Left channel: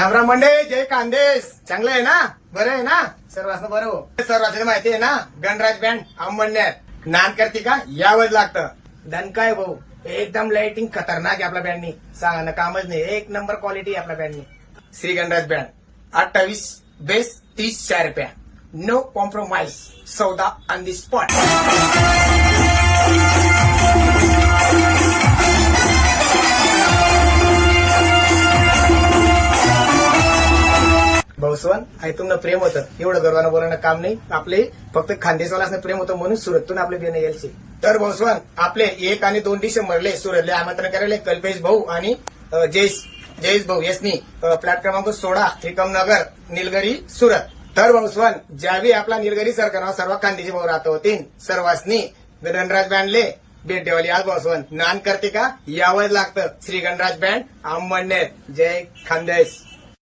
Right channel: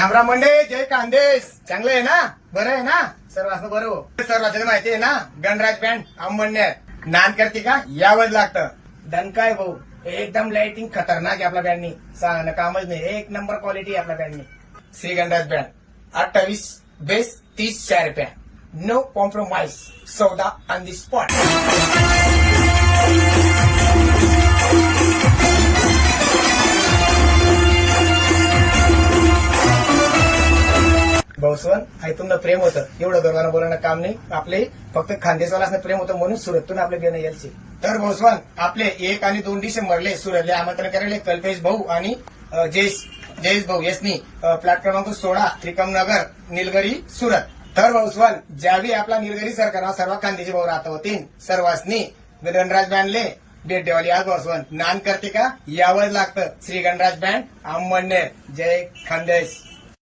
रामराम मंडे, जय खानदेश. चांगलं आहे ना? बरं आहे ना? सर्वांना बरं हो. सर्वांना माहिती आहे ना? गणराज बँड अंमळनेर नान करते का यावंच लागतं. धन काय भाऊ, एकदम लाइटिंग खतरनाक आहे आपल्या बँडनी. सांगणं कामच नाही, एक नंबर क्वालिटी आहे आपल्या बँडनी. श्री गणराज बँड 28 बेस 30 रुपया. No compromise. सौदा ऑन दी स्पॉट. भाऊसवन तुमनं प्रेम होतं, एवढं गर्वानं बोलणं काम नाही. आपले फक्त खानदेशवाल्यासनं प्रेम होतं म्हणून सुरतून आपले बेन यायचे. तर भाऊसवन आपले 1 आणि 2 डिसेंबरले सुरतले आमंत्रण करायला कल्पेश भाऊ आणि जयेश भाऊ यसनी प्लॅट क्रमांक 16 त्रिकमनगर निलगिरी सुरत. तर भाऊसवन ज्यावेळी आपला निलगिरी सरकार सर्व खानदेशी भाऊ राहत होतील सर्वांनी गणराज बँडले भेट देवाली. आज भाऊसवन नान करते का यावंच लागतं. श्री गणराज बँड अंमळनेर. जय खानदेश.